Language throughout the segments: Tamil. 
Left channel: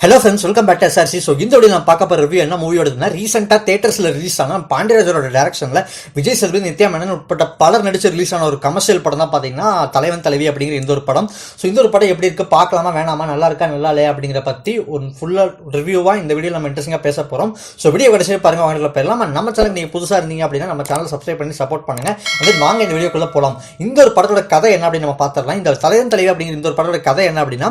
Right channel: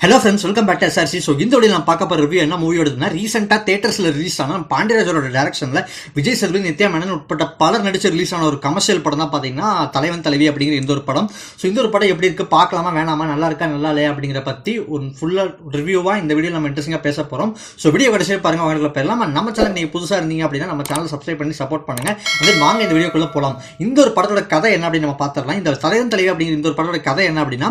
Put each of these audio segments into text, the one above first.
Hello friends, welcome back to SRC. So இந்த வீடியோ நான் பார்க்க போகிற ரிவ்யூ என்ன மூவியோடதுன்னா, ரீசெண்டாக தேட்டர்ஸில் ரிலீஸ் ஆன பாண்டியராஜரோட டேரக்ஷனில் விஜய் சேதுபதி, நித்யா மேனன் உட்பட்ட பலர் நடிச்சு ரிலீஸ் ஆன ஒரு கமர்ஷியல் படம் தான் பார்த்தீங்கன்னா தலைவன் தலைவி அப்படிங்கிற இந்த ஒரு படம். ஸோ இந்த ஒரு படம் எப்படி இருக்குது, பார்க்கலாமா வேணாமா, நல்லா இருக்கா நல்லா இல்லையா அப்படிங்கிற பற்றி ஒரு ஃபுல்லாக ரிவ்யூவாக இந்த வீடியோ நம்ம இன்ட்ரெஸ்டிங்காக பேச போகிறோம். ஸோ வீடியோ கடைசியாக பாருங்கள். அவங்களுக்கு போயிடலாம். நம்ம சேனல் நீங்கள் புதுசாக இருந்தீங்க அப்படின்னா நம்ம சேனல் சப்ஸ்கிரைப் பண்ணி சப்போர்ட் பண்ணுங்கள். வந்து வாங்க இந்த வீடியோக்குள்ளே போகலாம். இந்த ஒரு படத்தோட கதை என்ன அப்படின்னு நம்ம பார்த்துடலாம். இந்த தலைவன் தலைவி அப்படிங்கிற இந்த ஒரு படத்தோட கதை என்ன அப்படின்னா,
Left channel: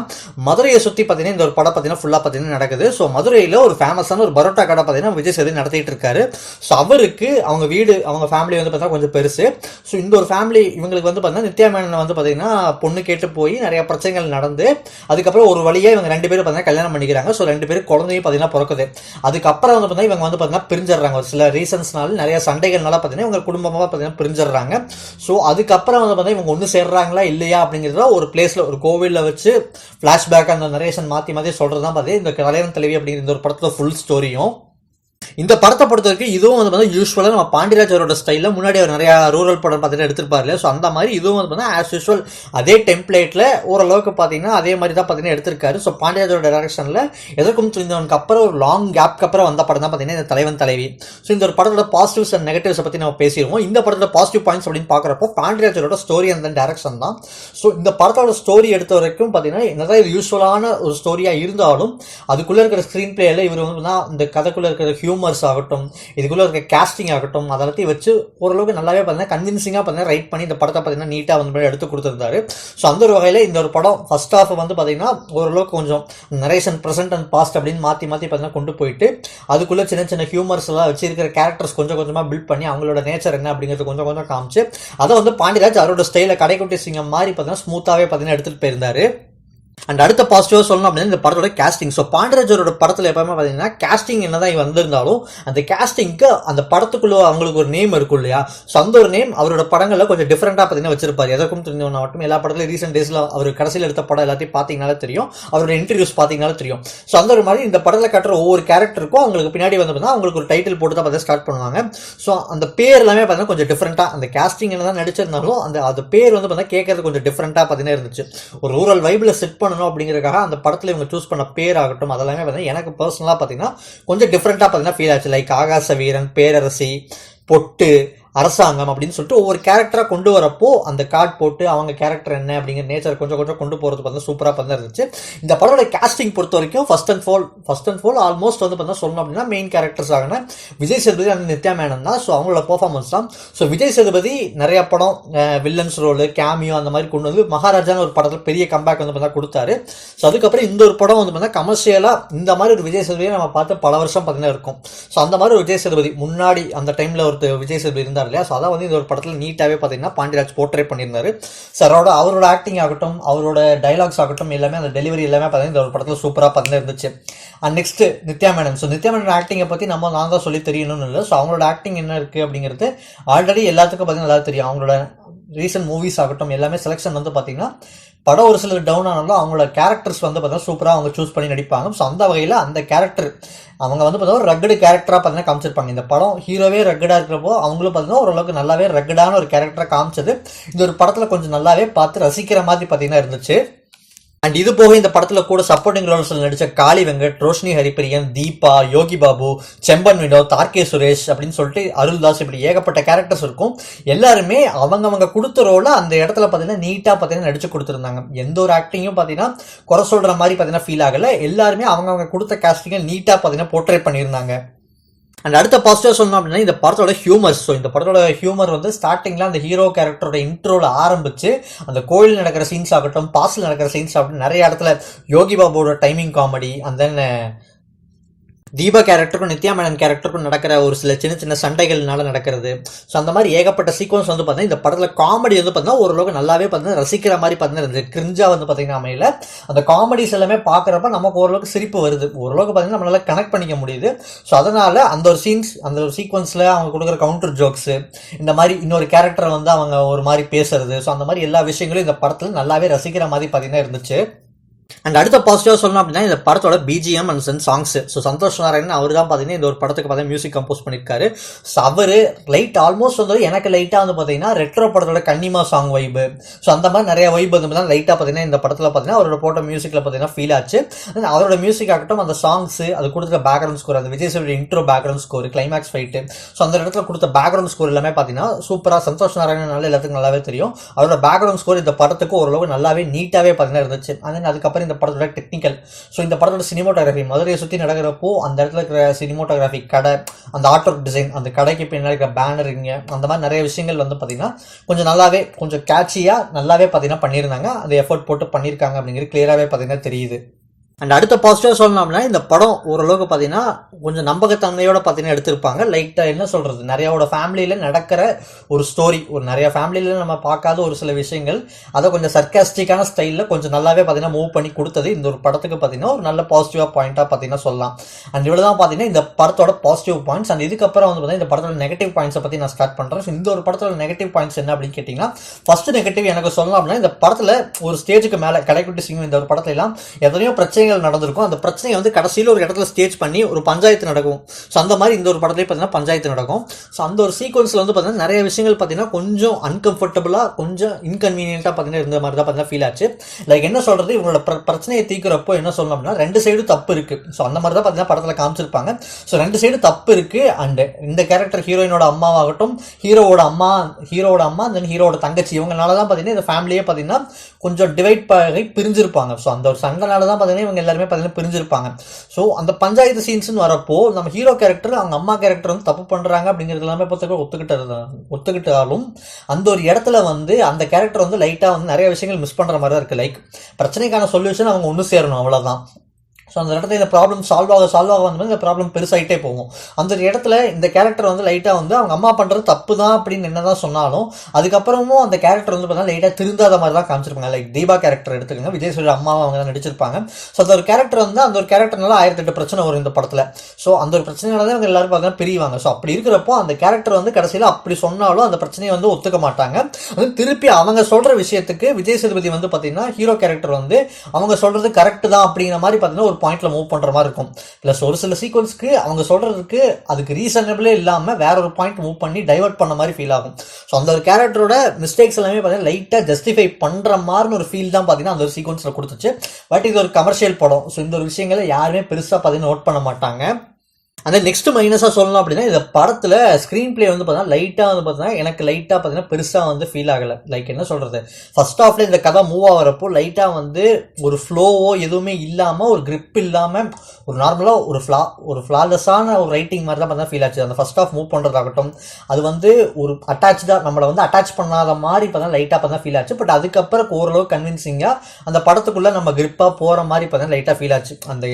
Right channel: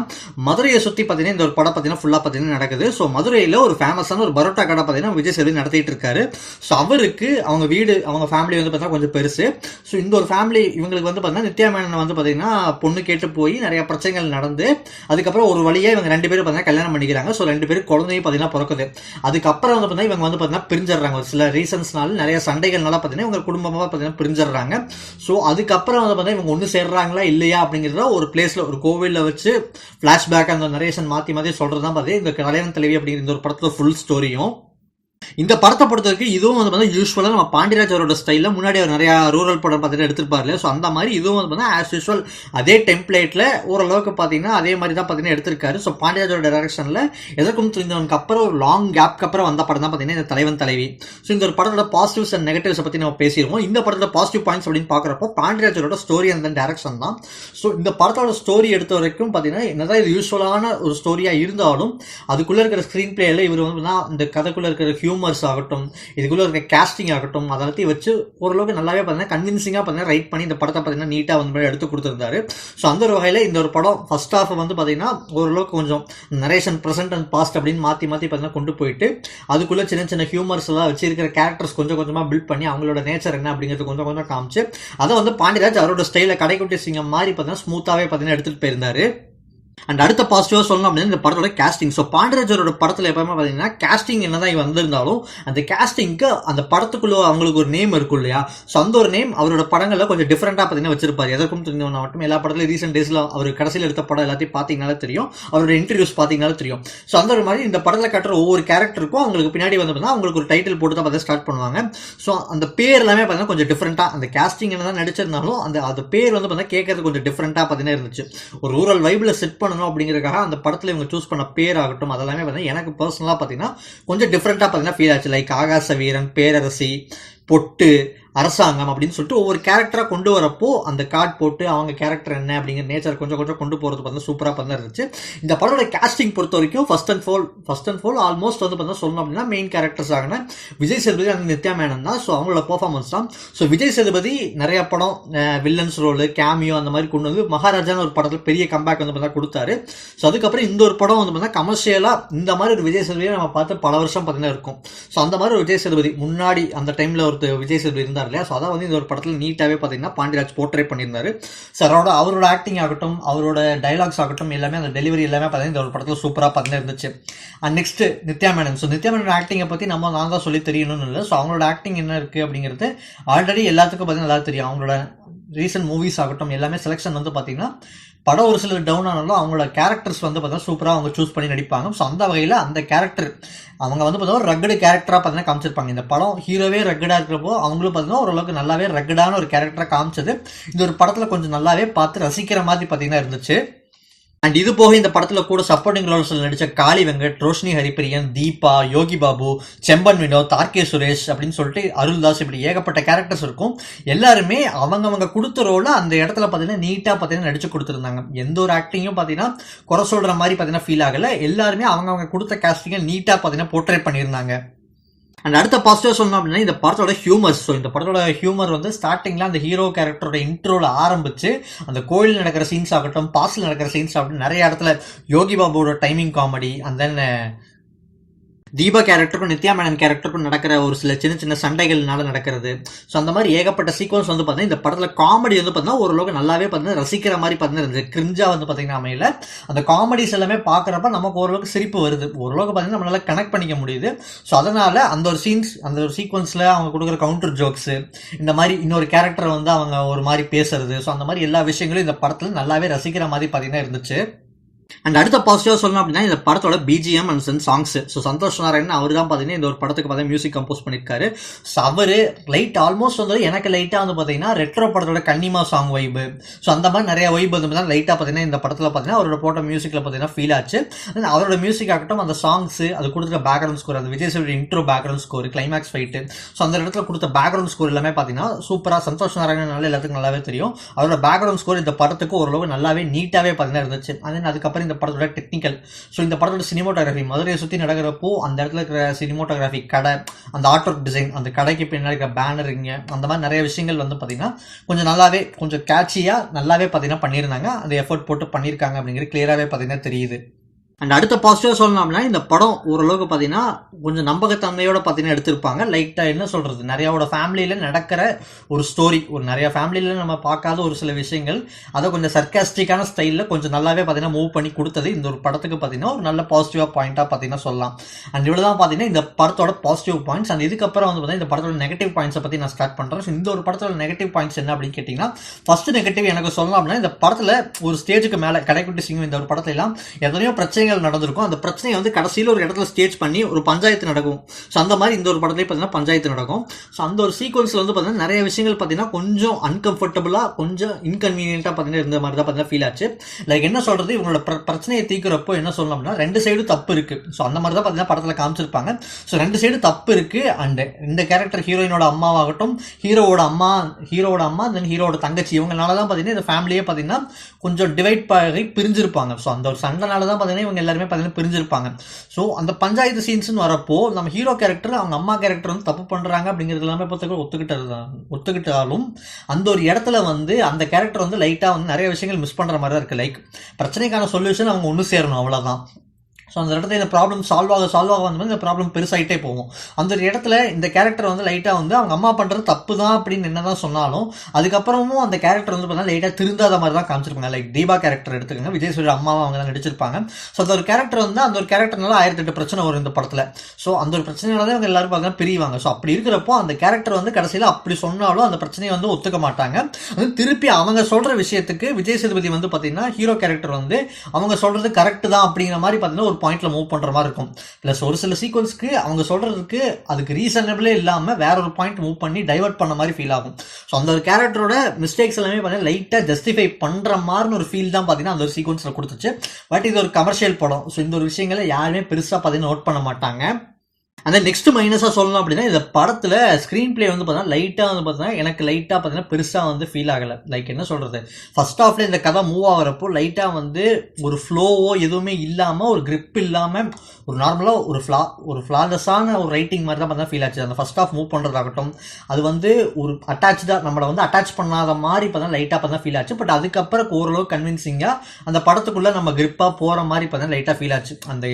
மதுரையை சுற்றி பார்த்தீங்கன்னா இந்த ஒரு படம் பார்த்தீங்கன்னா ஃபுல்லாக பார்த்தீங்கன்னா நடக்குது. ஸோ மதுரையில் ஒரு ஃபேமஸான ஒரு பரோட்டா கடை பார்த்தீங்கன்னா விஜய் சேதுபதி நடத்திட்டு இருக்காரு. ஸோ அவருக்கு அவங்க வீடு, அவங்க ஃபேமிலி வந்து பார்த்தீங்கன்னா கொஞ்சம் பெருசு. ஸோ இந்த ஒரு ஃபேமிலி இவங்களுக்கு வந்து பார்த்தீங்கன்னா நித்யா மேனன் வந்து பார்த்தீங்கன்னா பொண்ணு கேட்டு போய் நிறைய பிரச்சனைகள் நடந்து அதுக்கப்புறம் ஒரு வழியாக இவங்க ரெண்டு பேரும் பார்த்தீங்கன்னா கல்யாணம் பண்ணிக்கிறாங்க. ஸோ ரெண்டு பேரும் குழந்தையும் பார்த்தீங்கன்னா பிறக்குது. அதுக்கப்புறம் வந்து பார்த்தீங்கன்னா இவங்க வந்து பார்த்தீங்கன்னா பிரிஞ்சிடுறாங்க. ஒரு சில ரீசன்ஸ்னால, நிறைய சண்டைகள்னால பார்த்தீங்கன்னா இவங்க குடும்பமாக பார்த்தீங்கன்னா பிரிஞ்சிடுறாங்க. ஸோ அதுக்கப்புறம் வந்து பார்த்தீங்கன்னா இவங்க ஒன்று சேர்றாங்களா இல்லையா அப்படிங்கிறத ஒரு பிளேஸில், ஒரு கோவிலில் வச்சு ஃப்ளாஷ்பேக் அந்த நரேஷன் மாற்றி மாற்றி சொல்கிறது தான் பார்த்தீங்கன்னா இந்த தலைவன் தலைவி அப்படிங்கிற இந்த ஒரு படத்தோட ஃபுல் ஸ்டோரியும். இந்த படத்தை பொறுத்த வரைக்கும் இதுவும் வந்து பார்த்தீங்கன்னா யூஸ்வலாக நம்ம பாண்டியராஜ் அவரோட ஸ்டைலில் முன்னாடி அவர் நிறையா ரூரல் படம் பார்த்துட்டு எடுத்திருப்பாரு இல்லையா. ஸோ அந்த மாதிரி இதுவும் வந்து பார்த்தீங்கன்னா ஆஸ் யூஸ்வல் அதே டெம்ப்ளேட்டில் ஓரளவுக்கு பார்த்தீங்கன்னா அதே மாதிரி தான் பார்த்தீங்கன்னா எடுத்திருக்காரு. ஸோ பாண்டியராஜோட டைரக்ஷனில் எதற்கும் துணிந்தவனுக்கு அப்புறம் ஒரு லாங் கேப்க்கு அப்புறம் வந்த படம் தான் பார்த்தீங்கன்னா இந்த தலைவன் தலைவி. ஸோ இந்த ஒரு படத்தோட பாசிட்டிவ்ஸ் அண்ட் நெகட்டிவ்ஸை பற்றி நம்ம பேசிடுவோம். இந்த படத்தோட பாசிட்டிவ் பாயிண்ட்ஸ் அப்படின்னு பார்க்குறப்போ பாண்டியராஜோட ஸ்டோரி அண்ட் டேரக்ஷன் தான். ஸோ இந்த படத்தோட ஸ்டோரி எடுத்த வரைக்கும் பார்த்தீங்கன்னா என்னதான் இது யூஸ்வலான ஒரு ஸ்டோரியாக இருந்தாலும் அதுக்குள்ளே இருக்கிற ஸ்க்ரீன் பிளேயில் இவர் வந்து இந்த கதைக்குள்ளே இருக்கிற ஹியூமர்ஸ் ஆகட்டும், இதுக்குள்ளே இருக்க கேஸ்டிங் ஆகட்டும், அதெல்லாத்தையும் வச்சு ஓரளவுக்கு நல்லாவே பார்த்தீங்கன்னா கன்வின்சிங்காக பார்த்தீங்கன்னா ரைட் பண்ணி இந்த படத்தை பார்த்தீங்கன்னா நீட்டாக வந்து எடுத்து கொடுத்துருந்தாரு. ஸோ அந்த ஒரு வகையில் இந்த ஒரு படம் ஃபர்ஸ்ட் ஹாஃப் வந்து பார்த்தீங்கன்னா ஓரளவுக்கு கொஞ்சம் நரேஷன் ப்ரெசென்ட் அண்ட் பாஸ்ட் அப்படின்னு மாற்றி மாற்றி பார்த்தீங்கன்னா கொண்டு போயிட்டு அதுக்குள்ளே சின்ன சின்ன ஹியூமர்ஸ் எல்லாம் வச்சு இருக்கிற கேரக்டர்ஸ் கொஞ்சம் கொஞ்சமாக பில்ட் பண்ணி அவங்களோட நேச்சர் என்ன அப்படிங்கிறது கொஞ்சம் கொஞ்சம் காமிச்சு அதை வந்து பாண்டியராஜ் அவரோட ஸ்டைலில் கடைக்குட்டி சிங்கம் மாதிரி பார்த்தீங்கன்னா ஸ்மூத்தாகவே பார்த்தீங்கன்னா எடுத்துகிட்டு போயிருந்தாரு. அண்ட் அடுத்த பாசிட்டிவாக சொல்லணும் அப்படின்னா இந்த படத்தோட கேஸ்டிங். ஸோ பாண்டியராஜரோட படத்தில் எப்பவுமே பார்த்தீங்கன்னா கேஸ்டிங் என்ன தான் வந்திருந்தாலும் அந்த கேஸ்டிங்க்கு அந்த படத்துக்குள்ள அவங்களுக்கு ஒரு நேம் இருக்கும் இல்லையா. ஸோ அந்த ஒரு நேம் அவரோட படங்களில் கொஞ்சம் டிஃப்ரெண்ட்டாக பார்த்தீங்கன்னா வச்சிருப்பாரு. எதற்கும் தெரிஞ்சவனா மட்டும் எல்லா படத்துலையும் ரீசெண்ட் டேஸில் அவர் கடைசியில் எடுத்த படம் எல்லாத்தையும் பார்த்தீங்கனாலே தெரியும், அவரோட இன்டர்வியூஸ் பார்த்தீங்கனாலே தெரியும். ஸோ அந்த ஒரு மாதிரி இந்த படத்தில் கட்டுற ஒவ்வொரு கேரக்டருக்கும் அவங்களுக்கு பின்னாடி வந்து பார்த்தீங்கன்னா அவங்களுக்கு ஒரு டைட்டில் போட்டு தான் பார்த்து ஸ்டார்ட் பண்ணுவாங்க. ஸோ அந்த பேர் எல்லாமே பார்த்தீங்கன்னா கொஞ்சம் டிஃப்ரெண்ட்டாக, அந்த கேஸ்டிங் என்ன தான் நடிச்சிருந்தாலும் அந்த பேர் வந்து பார்த்தீங்கன்னா கேட்கறது கொஞ்சம் டிஃப்ரெண்ட்டாக பார்த்தீங்கன்னா இருந்துச்சு. ஒரு ரூரல் வைபில் செட் பண்ணணும் அப்படிங்கிறதுக்காக அந்த படத்தில் இவங்க சூஸ் பண்ண பேர் ஆகட்டும் அதெல்லாமே பார்த்தீங்கன்னா எனக்கு பர்சனலாக பார்த்தீங்கன்னா கொஞ்சம் டிஃப்ரெண்ட்டாக பார்த்தீங்கன்னா ஃபீல் ஆச்சு. லைக் ஆகாச வீரன், பேரரசி, பொட்டு, அரசாங்கம் அப்படின்னு சொல்லிட்டு ஒவ்வொரு கேரக்டராக கொண்டு வரப்போ அந்த கார்டு போட்டு அவங்க கேரக்டர் என்ன அப்படிங்கிற நேச்சர் கொஞ்சம் கொஞ்சம் கொண்டு போகிறது பார்த்தா சூப்பராக பார்த்தா இருந்துச்சு. இந்த படத்தோட கேஸ்டிங் பொறுத்த வரைக்கும் ஃபர்ஸ்ட் அண்ட் ஃபால் ஆல்மோஸ்ட் வந்து பார்த்தா சொல்லணும் அப்படின்னா மெயின் கேரக்டர்ஸ் ஆகின விஜய் சேதுபதி அந்த நித்யா மேனன் தான். ஸோ அவங்களோட பர்ஃபார்மன்ஸ் தான். ஸோ விஜய் சேதுபதி நிறைய படம் வில்லன்ஸ் ரோலு, கேமியோ அந்த மாதிரி கொண்டு வந்து மகாராஜான்னு ஒரு படத்தில் பெரிய கம்பேக் வந்து பார்த்தா கொடுத்தாரு. ஸோ அதுக்கப்புறம் இந்த ஒரு படம் வந்து பார்த்தா கமர்ஷியலாக இந்த மாதிரி ஒரு விஜய் சேதுபதியை நம்ம பார்த்து பல வருஷம் பார்த்தீங்கன்னா இருக்கும். ஸோ அந்த மாதிரி ஒரு விஜய் சேதுபதி முன்னாடி அந்த டைமில் ஒரு விஜய் சேதுபதி இருந்தார் இல்லையா. ஸோ அதான் வந்து இந்த ஒரு படத்தில் நீட்டாகவே பார்த்தீங்கன்னா பாண்டியராஜ் போர்ட்ரேட் பண்ணியிருந்தாரு. ஸோ அவரோட ஆக்டிங் ஆகட்டும், அவரோட டைலாக்ஸ் ஆகட்டும், எல்லாமே அந்த டெலிவரி எல்லாமே பார்த்தீங்கன்னா இந்த ஒரு படத்தில் சூப்பராக பார்த்தீங்கன்னா இருந்துச்சு. And next Nithya Menon. So Nithya Menon ஆக்டிங்கை பற்றி நான் தான் சொல்லி தெரியணும்னு இல்லை. ஸோ அவங்களோட ஆக்டிங் என்ன இருக்குது அப்படிங்கிறது ஆல்ரெடி எல்லாத்துக்கும் பார்த்தீங்கன்னா நல்லா தெரியும். அவங்களோட ரீசன்ட் மூவிஸ் ஆகட்டும் எல்லாமே செலெக்ஷன் வந்து பார்த்தீங்கன்னா படம் ஒரு சிலர் டவுன் ஆனாலும் அவங்களோட கேரக்டர்ஸ் வந்து பார்த்தீங்கன்னா சூப்பராக அவங்க சூஸ் பண்ணி நடிப்பாங்க. ஸோ அந்த வகையில் அந்த கேரக்டர் அவங்க வந்து பார்த்தீங்கன்னா ரக்கடு கேரக்டராக பார்த்தீங்கன்னா காமிச்சிருப்பாங்க. இந்த படம் ஹீரோவே ரக்கடாக இருக்கிறப்போ அவங்களும் பார்த்தீங்கன்னா ஓரளவுக்கு நல்லாவே ரக்கடான ஒரு கேரக்டராக காமிச்சது இந்த ஒரு படத்தில் கொஞ்சம் நல்லாவே பார்த்து ரசிக்கிற மாதிரி பார்த்தீங்கன்னா இருந்துச்சு. அண்ட் இது போக இந்த படத்தில் கூட சப்போர்ட்டிங் ரோல்ஸில் நடித்த காளி வெங்கட், ரோஷினி ஹரிப்பிரியன், தீபா, யோகி பாபு, செம்பன் வினோத், தார்கே சுரேஷ் அப்படின்னு சொல்லிட்டு அருள்தாஸ், இப்படி ஏகப்பட்ட கேரக்டர்ஸ் இருக்கும். எல்லாருமே அவங்க கொடுத்த ரோலை அந்த இடத்துல பார்த்தீங்கன்னா நீட்டாக பார்த்தீங்கன்னா நடிச்சு கொடுத்துருந்தாங்க. எந்த ஒரு ஆக்டிங்கும் பார்த்தீங்கன்னா குறை சொல்கிற மாதிரி பார்த்தீங்கன்னா ஃபீல் ஆகலை. எல்லாருமே அவங்க கொடுத்த கேஸ்டிங்கை நீட்டாக பார்த்தீங்கன்னா போர்ட்ரேட் பண்ணியிருந்தாங்க. அண்ட் அடுத்த பாசிட்டிவ் சொல்லணும் அப்படின்னா இந்த படத்தோட ஹியூமர்ஸ். ஸோ இந்த படத்தோட ஹியூமர் வந்து ஸ்டார்டிங்கில் அந்த ஹீரோ கேரக்டரோட இன்ட்ரோவில் ஆரம்பித்து அந்த கோயில் நடக்கிற சீன்ஸ் ஆகட்டும், பாஸ்டில் நடக்கிற சீன்ஸ் ஆகட்டும், நிறைய இடத்துல யோகி பாபுவோட timing comedy, and then Deepa கேரக்டருக்கும் நித்யா மேனன் கேரக்டருக்கும் நடக்கிற ஒரு சில சின்ன சின்ன சண்டைகள்னால நடக்கிறது. ஸோ அந்த மாதிரி ஏகப்பட்ட சீக்வன்ஸ் வந்து பார்த்தீங்கன்னா இந்த படத்தில் காமெடி வந்து பார்த்தீங்கன்னா ஓரளவுக்கு நல்லாவே பார்த்தீங்கன்னா ரசிக்கிற மாதிரி பார்த்தீங்கன்னா இருந்துச்சு. கிரிஞ்சா வந்து பார்த்தீங்கன்னா அமையில அந்த காமெடிஸ் எல்லாமே பார்க்குறப்ப நமக்கு ஓரளவுக்கு சிரிப்பு வருது, ஓரளவுக்கு பார்த்தீங்கன்னா நம்மளால கனெக்ட் பண்ணிக்க முடியுது. ஸோ அதனால் அந்த ஒரு சீக்வன்ஸில் அவங்க கொடுக்குற கவுண்டர் ஜோக்ஸு, இந்த மாதிரி இன்னொரு கேரக்டரை வந்து அவங்க ஒரு மாதிரி பேசுறது, ஸோ அந்த மாதிரி எல்லா விஷயங்களும் இந்த படத்தில் நல்லாவே ரசிக்கிற மாதிரி பார்த்தீங்கன்னா இருந்துச்சு. அண்ட் அடுத்த பாசிட்டிவாக சொல்லணும் அப்படின்னா இந்த படத்தோட BGM and songs. So Santhosh Narayanan அவர் தான் பார்த்தீங்கன்னா இந்த ஒரு படத்துக்கு பார்த்தீங்கன்னா மியூசிக் கம்போஸ் பண்ணியிருக்காரு. ஸோ அவர் லைட் ஆல்மோஸ்ட் வந்து எனக்கு லைட்டாக வந்து பார்த்தீங்கன்னா ரெட்ரோ படத்தோட கன்னிமா சாங் வைப்பு, ஸோ அந்த மாதிரி நிறைய வைப் வந்து பார்த்தீங்கன்னா லைட்டாக பார்த்தீங்கன்னா இந்த படத்தில் பார்த்தீங்கன்னா அவரோட போட்ட மியூசிக்கில் பார்த்தீங்கன்னா ஃபீல் ஆச்சு. அவரோட மியூசிக் ஆகட்டும், அந்த சாங்ஸ், அது கொடுத்த பேக்ரவுண்ட் ஸ்கோர், அந்த Vijay Sethupathi intro background score, climax fight, so அந்த இடத்துல கொடுத்த பேக்ரவுண்ட் ஸ்கோர் எல்லாமே பார்த்தீங்கன்னா சூப்பராக. சந்தோஷ் நாராயணன் எல்லாத்துக்கும் நல்லாவே தெரியும். அவரோட பேக்ரவுண்ட் ஸ்கோர் இந்த படத்துக்கு ஓரளவு நல்லாவே நீட்டாகவே பார்த்தீங்கன்னா இருந்துச்சு. அதுக்கப்புறம் இந்த படத்தோட டெக்னிக்கல், ஸோ இந்த படத்தோட சினிமோட்டோகிராஃபி, மதுரையை சுற்றி நடக்கிறப்போ அந்த இடத்துல இருக்கிற சினிமோட்டோகிராஃபி, கடை, அந்த ஆர்ட் ஒர்க் டிசைன், அந்த கடைக்கு பின்னாடி இருக்கிற பேனருங்க, அந்த மாதிரி நிறைய விஷயங்கள் வந்து பார்த்தீங்கன்னா கொஞ்சம் நல்லாவே, கொஞ்சம் கேட்சியாக நல்லாவே பார்த்தீங்கன்னா பண்ணியிருந்தாங்க. அந்த எஃபர்ட் போட்டு பண்ணியிருக்காங்க அப்படிங்கிறது கிளியராகவே பார்த்தீங்கன்னா தெரியுது. அண்ட் அடுத்த பாசிட்டிவாக சொல்லணும்னா இந்த படம் ஓரளவுக்கு பார்த்தீங்கன்னா கொஞ்சம் நம்பகத்தன்மையோட பார்த்தீங்கன்னா எடுத்திருப்பாங்க. லைட்டாக என்ன சொல்கிறது, நிறையாவோட ஃபேமிலியில் நடக்கிற ஒரு ஸ்டோரி, ஒரு நிறைய ஃபேமிலியில் நம்ம பார்க்காத ஒரு சில விஷயங்கள், அதை கொஞ்சம் சர்க்காஸ்டிக்கான ஸ்டைலில் கொஞ்சம் நல்லாவே பார்த்தீங்கன்னா மூவ் பண்ணி கொடுத்தது இந்த ஒரு படத்துக்கு பார்த்தீங்கன்னா ஒரு நல்ல பாசிட்டிவாக பாயிண்ட்டாக பார்த்தீங்கன்னா சொல்லலாம். அண்ட் இவ்வளோ தான் பார்த்தீங்கன்னா இந்த படத்தோட பாசிட்டிவ் பாயிண்ட்ஸ். அண்ட் இதுக்கப்புறம் வந்து பார்த்தீங்கன்னா இந்த படத்தோட நெகட்டிவ் பாயிண்ட்ஸை பற்றி நான் ஸ்டார்ட் பண்ணுறேன். ஸோ இந்த ஒரு படத்தோட நெகட்டிவ் பாயிண்ட்ஸ் என்ன அப்படின்னு கேட்டிங்கன்னா, ஃபர்ஸ்ட் நெகட்டிவ் எனக்கு சொல்லலாம் அப்படின்னா, இந்த படத்தில் ஒரு ஸ்டேஜுக்கு மேலே கடைக்குட்டி சிங்கம் இந்த ஒரு படத்துல எல்லாம் எத்தனையோ பிரச்சனைகள் நடந்திருக்கும். அந்த பிரச்சனையை வந்து கடைசியில் ஒரு இடத்துல ஸ்டேஜ் பண்ணி ஒரு பஞ்சாயத்து நடக்கும். ஸோ அந்த மாதிரி இந்த ஒரு படத்துலேயே பார்த்தீங்கன்னா பஞ்சாயத்து நடக்கும். ஸோ அந்த ஒரு சீக்வன்ஸில் வந்து பார்த்தீங்கன்னா நிறைய விஷயங்கள் பார்த்தீங்கன்னா கொஞ்சம் அன்கம்ஃபர்டபுளாக, கொஞ்சம் இன்கன்வீனியன்ட்டாக பார்த்தீங்கன்னா இருந்த மாதிரி தான் பார்த்தீங்கன்னா ஃபீல் ஆச்சு. லைக் என்ன சொல்கிறது, இவங்களோட பிரச்சனையை தீர்க்கிறப்போ என்ன சொல்லணும்னா ரெண்டு சைடு தப்பு இருக்குது. ஸோ அந்த மாதிரி தான் பார்த்தீங்கன்னா படத்தில் காமிச்சிருப்பாங்க. ஸோ ரெண்டு சைடு தப்பு இருக்குது. அண்ட் இந்த கேரக்டர் ஹீரோயினோட அம்மாவாகட்டும், ஹீரோவோட அம்மா தென் ஹீரோட தங்கச்சி, இவங்களால தான் பார்த்தீங்கன்னா இந்த ஃபேமிலியே பார்த்தீங்கன்னா கொஞ்சம் டிவைட் ஆகி பிரிஞ்சிருப்பாங்க. ஸோ அந்த ஒரு சண்டைனால தான் பார்த்தீங்கன்னா இவங்க எல்லாருமே பார்த்தீங்கன்னா பிரிஞ்சிருப்பாங்க. ஸோ அந்த பஞ்சாயத்து சீன்ஸ்னு வரப்போ நம்ம ஹீரோ கேரக்டர், அவங்க அம்மா கேரக்டர் வந்து தப்பு பண்ணுறாங்க அப்படிங்கிறது எல்லாமே ஒத்துக்கிட்டாலும் அந்த ஒரு இடத்துல வந்து அந்த கேரக்டர் வந்து லைட்டாக வந்து நிறைய விஷயங்கள் மிஸ் பண்ணுற மாதிரி தான் இருக்குது. லைக் பிரச்சனைக்கான சொல்யூஷன் அவங்க ஒன்று சேரணும், அவ்வளோதான். ஸோ அந்த இடத்துல இந்த ப்ராப்ளம் சால்வ் ஆக வந்து இந்த ப்ராப்ளம் பெருசாகிட்டே போகும். அந்த இடத்துல இந்த கேரக்டர் வந்து லைட்டாக வந்து அவங்க அம்மா பண்ணுறது தப்பு தான் அப்படின்னு என்ன தான் சொன்னாலும் அதுக்கப்புறமும் அந்த கேரக்டர் வந்து பார்த்தீங்கன்னா லைட்டாக திருந்தாத மாதிரி தான் காமிச்சிருப்பாங்க. லைக் தீபா கேரக்டர் எடுத்துக்கோங்க, விஜய் சேதுபதி அம்மாவை அவங்க தான் நடிச்சிருப்பாங்க. ஸோ அந்த ஒரு கேரக்டர் வந்து அந்த ஒரு கேரக்டர்னால 1008 பிரச்சனை வரும் இந்த படத்தில். ஸோ அந்த ஒரு பிரச்சனையால தான் அவங்க எல்லாரும் பார்த்தீங்கன்னா பிரிவாங்க. ஸோ அப்படி இருக்கிறப்போ அந்த கேரக்டர் வந்து கடைசியில் அப்படி சொன்னாலும் அந்த பிரச்சனையை வந்து ஒத்துக்க மாட்டாங்க. அது திருப்பி அவங்க சொல்கிற விஷயத்துக்கு விஜய் சேதுபதி வந்து பார்த்தீங்கன்னா ஹீரோ கேரக்டர் வந்து அவங்க சொல்கிறது கரெக்டு தான் அப்படிங்கிற மாதிரி பார்த்தீங்கன்னா ஒரு பாயிண்ட்ல மூவ் பண்ற மாதிரி இருக்கும். பிளஸ் ஒரு சில சீக்வன்ஸ்க்கு அவங்க சொல்றதுக்கு அதுக்கு ரீசனபிளே இல்லாம வேற ஒரு பாயிண்ட் மூவ் பண்ணி டைவர்ட் பண்ண மாதிரி ஃபீல் ஆகும். ஸோ அந்த ஒரு கேரக்டரோட மிஸ்டேக்ஸ் எல்லாமே பார்த்தீங்கன்னா லைட்டாக ஜஸ்டிஃபை பண்ற மாதிரி ஒரு ஃபீல் தான் பார்த்தீங்கன்னா அந்த ஒரு சீக்வன்ஸ்ல கொடுத்துச்சு. பட் இது ஒரு கமர்ஷியல் படம். ஸோ இந்த ஒரு விஷயங்களை யாருமே பெருசா பார்த்தீங்கன்னா நோட் பண்ண மாட்டாங்க. அந்த நெக்ஸ்ட் மைனஸாக சொல்லணும் அப்படின்னா இந்த படத்தில் ஸ்க்ரீன் பிளே வந்து பார்த்தீங்கன்னா லைட்டாக வந்து பார்த்தீங்கன்னா எனக்கு லைட்டாக பார்த்தீங்கன்னா பெருசாக வந்து ஃபீல் ஆகலை. லைக் என்ன சொல்கிறது, ஃபர்ஸ்ட் ஹாஃப்ல இந்த கதை மூவ் ஆகிறப்போ லைட்டாக வந்து ஒரு ஃப்ளோவோ எதுவுமே இல்லாமல், ஒரு கிரிப் இல்லாமல், ஒரு நார்மலாக ஒரு ஃப்ளாலெஸ்ஸான ஒரு ரைட்டிங் மாதிரி தான் பார்த்தீங்கன்னா ஃபீல் ஆச்சு. அந்த ஃபர்ஸ்ட் ஹாஃப் மூவ் பண்ணுறதாகட்டும், அது வந்து ஒரு அட்டாச்சாக நம்மளை வந்து அட்டாச் பண்ணாத மாதிரி பார்த்தா லைட்டாக பார்த்தா ஃபீல் ஆச்சு. பட் அதுக்கப்புறம் ஓரளவு கன்வின்சிங்காக அந்த படத்துக்குள்ளே நம்ம கிரிப்பாக போகிற மாதிரி பார்த்தீங்கன்னா லைட்டாக ஃபீல் ஆச்சு. அந்த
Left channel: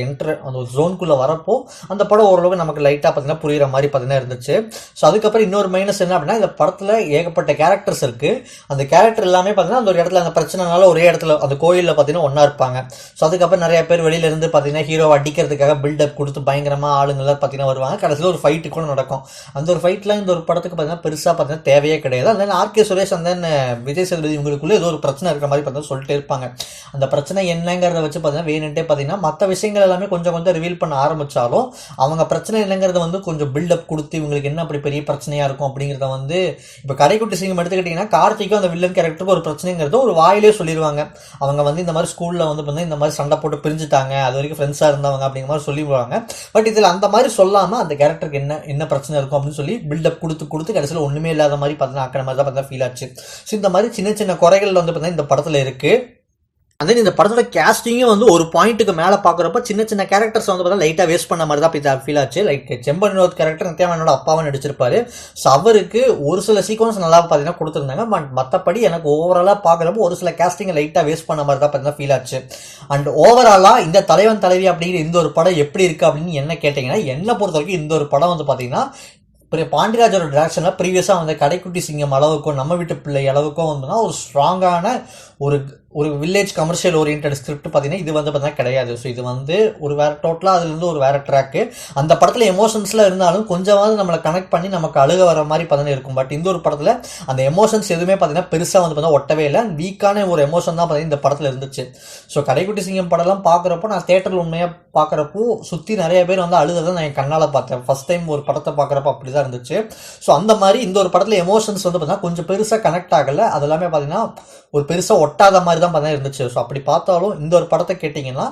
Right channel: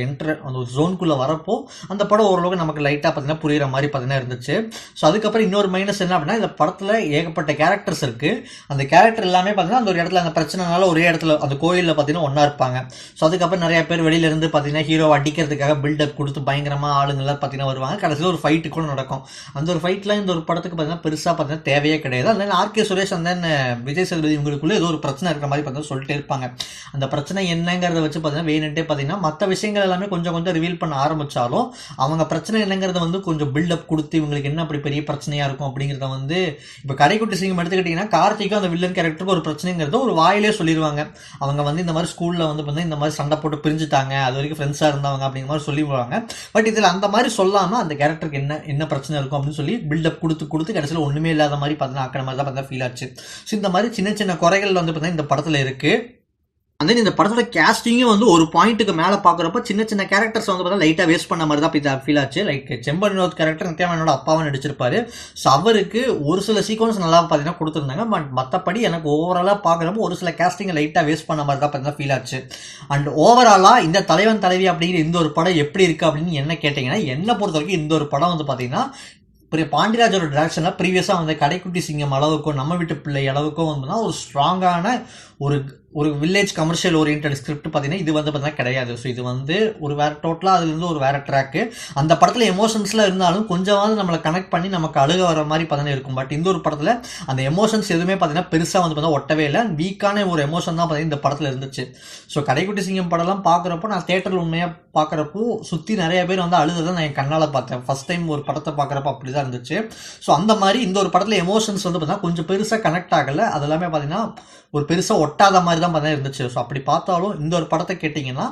ஒரு ஜோனுக்குள்ளே வரப்போ அந்த படம் ஓரளவு நமக்கு லைட்டாக பார்த்தீங்கன்னா புரியுற மாதிரி பார்த்தீங்கன்னா இருந்துச்சு. ஸோ அதுக்கப்புறம் இன்னொரு மைனஸ் என்ன அப்படின்னா, இந்த படத்தில் ஏகப்பட்ட கேரக்டர்ஸ் இருக்கு. அந்த கேரக்டர் எல்லாமே பார்த்தீங்கன்னா அந்த ஒரு இடத்துல அந்த பிரச்சனைனால ஒரே இடத்துல அந்த கோயிலில் பார்த்தீங்கன்னா ஒன்றா இருப்பாங்க. ஸோ அதுக்கப்புறம் நிறைய பேர் வெளியிலேருந்து பார்த்தீங்கன்னா ஹீரோ அடிக்கிறதுக்காக பில்டப் கொடுத்து பயங்கரமாக ஆளுங்கள்லாம் பார்த்தீங்கன்னா வருவாங்க. கடைசியில் ஒரு ஃபைட்டு கூட நடக்கும். அந்த ஒரு ஃபைட்லாம் இந்த ஒரு படத்துக்கு பார்த்தீங்கன்னா பெருசாக பார்த்தீங்கன்னா தேவையே கிடையாது. அந்த ஆர்கே சுரேஷ் அந்த விஜய் சேதுபதி இவங்களுக்குள்ளே ஏதோ ஒரு பிரச்சனை இருக்கிற மாதிரி பார்த்தீங்கன்னா சொல்லிட்டே இருப்பாங்க. அந்த பிரச்சனை என்னங்கிறத வச்சு பார்த்தீங்கன்னா வேணுன்ட்டே பார்த்தீங்கன்னா மற்ற விஷயங்கள் எல்லாமே கொஞ்சம் கொஞ்சம் ரிவீல் பண்ண ஆரம்பிச்சாலும் அவங்க பிரச்சனை என்னங்கிறத வந்து கொஞ்சம் பில்டப் கொடுத்து இவங்களுக்கு என்ன அப்படி பெரிய பிரச்சனையா இருக்கும் அப்படிங்கிறத வந்து இப்போ கடைக்குட்டி சிங்கம் எடுத்துக்கிட்டீங்கன்னா கார்த்திக்கும் அந்த வில்லன் கேரக்டருக்கு ஒரு பிரச்சனைங்கிறத ஒரு வாயிலே சொல்லிடுவாங்க. அவங்க வந்து இந்த மாதிரி ஸ்கூல்ல வந்து பார்த்தீங்கன்னா இந்த மாதிரி சண்டை போட்டு பிரிஞ்சுட்டாங்க, அது வரைக்கும் ஃப்ரெண்ட்ஸாக இருந்தவங்க அப்படிங்கிற மாதிரி சொல்லிடுவாங்க. பட் இதில் அந்த மாதிரி சொல்லாமல் அந்த கேரக்டருக்கு என்ன பிரச்சனை இருக்கும் அப்படின்னு சொல்லி பில்டப் கொடுத்து கடைசியில் ஒன்றுமே இல்லாத மாதிரி பார்த்தீங்கன்னா ஆக்கிற மாதிரி தான் பார்த்தா ஃபீல் ஆச்சு. ஸோ இந்த மாதிரி சின்ன சின்ன குறைகள் வந்து பார்த்தீங்கன்னா இந்த படத்தில் இருக்கு. அந்த இந்த படத்தோட கேஸ்டிங்கே வந்து ஒரு பாயிண்ட்டுக்கு மேலே பார்க்குறப்ப சின்ன சின்ன கேரக்டர்ஸ் வந்து பார்த்தா லைட்டாக வேஸ்ட் பண்ண மாதிரி தான் ஃபீல் ஆச்சு. லைக் செம்பன் வினோத் கேரக்டர் நித்யாமேனோட அப்பாவை நடிச்சிருப்பாரு. ஸோ அவருக்கு ஒரு சில சீக்வன்ஸ் நல்லா பார்த்தீங்கன்னா கொடுத்துருந்தாங்க. பட் மற்றபடி எனக்கு ஓவராலாக பார்க்குறப்போ ஒரு சில கேஸ்டிங்கை லைட்டாக வேஸ்ட் பண்ண மாதிரி தான் பார்த்தீங்கன்னா ஃபீல் ஆச்சு. அண்ட் ஓவராலாக இந்த தலைவன் தலைவி அப்படிங்கிற இந்த ஒரு படம் எப்படி இருக்குது அப்படின்னு என்ன கேட்டிங்கன்னா, என்னை பொறுத்த வரைக்கும் இந்த ஒரு படம் வந்து பார்த்தீங்கன்னா பாண்டியராஜோட டிரெக்ஷனில் ப்ரீவியஸாக வந்து கடைக்குட்டி சிங்கம் அளவுக்கும் நம்ம வீட்டு பிள்ளை அளவுக்கும் வந்துன்னா ஒரு ஸ்ட்ராங்கான ஒரு ஒரு வில்லேஜ் கமர்ஷியல் ஓரியன்ட் ஸ்கிரிப்ட் பார்த்தீங்கன்னா இது வந்து பார்த்தீங்கன்னா கிடையாது. ஸோ இது வந்து ஒரு வேற டோட்டலாக அதுலேருந்து ஒரு வேற ட்ராக்கு. அந்த படத்தில் எமோஷன்ஸ்லாம் இருந்தாலும் கொஞ்சமாவது நம்மளை கனெக்ட் பண்ணி நமக்கு அழுக வர மாதிரி பார்த்தீங்கன்னா இருக்கும். பட் இந்த ஒரு படத்தில் அந்த எமோஷன்ஸ் எதுவுமே பார்த்தீங்கன்னா பெருசாக வந்து பார்த்தீங்கன்னா ஒட்டவே இல்லை. வீக்கான ஒரு எமோஷன் தான் பார்த்தீங்கன்னா இந்த படத்தில் இருந்துச்சு. ஸோ கடைக்குட்டி சிங்கம் படம்லாம் பார்க்குறப்போ நான் தேட்டரில் உண்மையாக பார்க்குறப்போ சுற்றி நிறைய பேர் வந்து அழுததை நான் என் கண்ணால் பார்த்தேன். ஃபஸ்ட் டைம் ஒரு படத்தை பார்க்குறப்போ அப்படி தான் இருந்துச்சு. ஸோ அந்த மாதிரி இந்த ஒரு படத்தில் எமோஷன்ஸ் வந்து பார்த்தீங்கன்னா கொஞ்சம் பெருசாக கனெக்ட் ஆகலை. அது எல்லாமே பார்த்தீங்கன்னா ஒரு பெருசாக ஒட்டாத மாதிரி தான் பார்த்தா இருந்துச்சு. ஸோ அப்படி பார்த்தாலும் இந்த ஒரு படத்தை கேட்டிங்கன்னா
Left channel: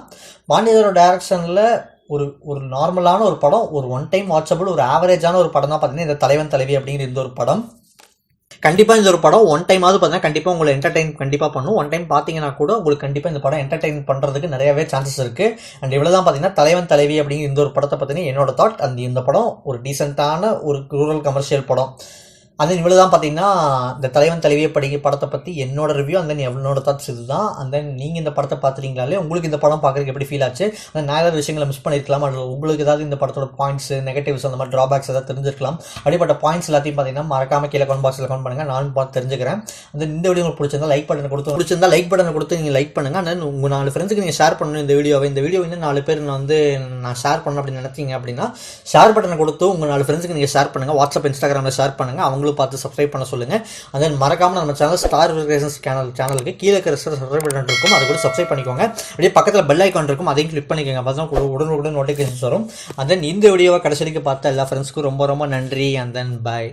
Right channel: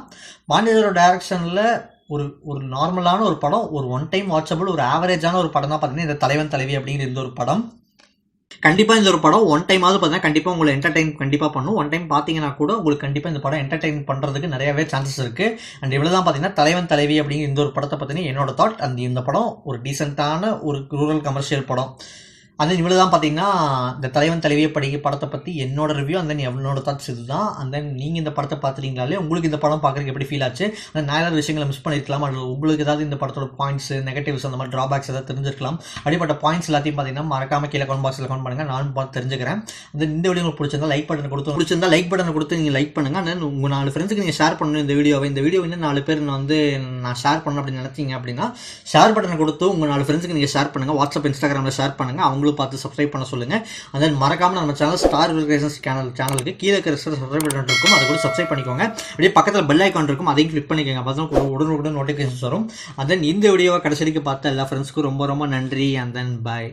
பாண்டியரோட டைரக்ஷனில் ஒரு நார்மலான ஒரு படம், ஒரு ஒன் டைம் வாட்சபிள், ஒரு ஆவரேஜான ஒரு படம் தான் பார்த்தீங்கன்னா இந்த தலைவன் தலைவி அப்படிங்கிற இந்த ஒரு படம். கண்டிப்பாக இந்த ஒரு படம் ஒன் டைமாவது பார்த்தீங்கன்னா கண்டிப்பாக உங்களை என்டர்டைன் கண்டிப்பாக பண்ணும். ஒன் டைம் பார்த்தீங்கன்னா கூட உங்களுக்கு கண்டிப்பாக இந்த படம் என்டர்டைன் பண்ணுறதுக்கு நிறையவே சான்சஸ் இருக்குது. அண்ட் இவ்வளோ தான் பார்த்தீங்கன்னா தலைவன் தலைவி அப்படிங்கிற இந்த ஒரு படத்தை பார்த்தீங்கன்னா என்னோட தாட். இந்த படம் ஒரு டீசெண்டான ஒரு ரூரல் கமர்ஷியல் படம். அந்த இவ்வளோ தான் பார்த்தீங்கன்னா இந்த தலைவன் தலைவியை படத்தை பற்றி என்னோட ரிவ்யூ. அந்த என்னோட தாட்ஸ் இது தான். அந்த நீங்கள் இந்த படத்தை பார்த்துட்டீங்களாலே உங்களுக்கு இந்த படம் பார்க்குறதுக்கு எப்படி ஃபீல் ஆச்சு, அந்த நிறைய விஷயங்களை மிஸ் பண்ணியிருக்கலாம். அது உங்களுக்கு ஏதாவது இந்த படத்தோட பாயிண்ட்ஸ், நெகட்டிவ்ஸ், அந்த மாதிரி ட்ராபேக்ஸ் ஏதாவது தெரிஞ்சிருக்கலாம். அப்படிப்பட்ட பாயிண்ட்ஸ் எல்லாத்தையும் பார்த்தீங்கன்னா மறக்காம கீழே கமெண்ட் பாக்ஸில் கமெண்ட் பண்ணுங்கள். நானும் பார்த்து தெரிஞ்சுக்கிறேன். இந்த வீடியோ உங்களுக்கு பிடிச்சிருந்தா லைக் பட்டன் கொடுத்து நீங்கள் லைக் பண்ணுங்கள். அண்ட் உங்கள் 4 ஃப்ரெண்ட்ஸுக்கு நீங்கள் ஷேர் பண்ணணும் இந்த வீடியோ இன்னும் 4 பேர் நான் ஷேர் பண்ணணும் அப்படின்னு நினைச்சீங்க அப்படின்னா ஷேர் பட்டனை கொடுத்து உங்கள் 4 ஃப்ரெண்ட்ஸுக்கு நீங்கள் ஷேர் பண்ணுங்கள். வாட்ஸ்அப், இன்ஸ்டாகிராமில் ஷேர் பண்ணுங்கள். அவங்களும் பார்த்து சப்ஸ்கிரைப் பண்ண சொல்லுங்கள். அண்ட் தென் மறக்காமல் நம்ம சேனல் ஸ்டார் கிரியேஷன்ஸ் சேனலுக்கு கீழே இருக்கிற சப்ஸ்கிரைப் பட்டன் இருக்கும், அதை கூட சப்ஸ்கிரைப் பண்ணிக்கோங்க. அப்படியே பக்கத்தில் பெல் ஐக்கான் இருக்கும், அதையும் கிளிக் பண்ணிக்கோங்க. அப்போ உடனுக்குடன் நோட்டிஃபிகேஷன்ஸ் வரும். அண்ட் தென் இந்த வீடியோவை கடைசி வரைக்கும் பார்த்த எல்லா ஃப்ரெண்ட்ஸ்க்கும் ரொம்ப ரொம்ப நன்றி. And then bye.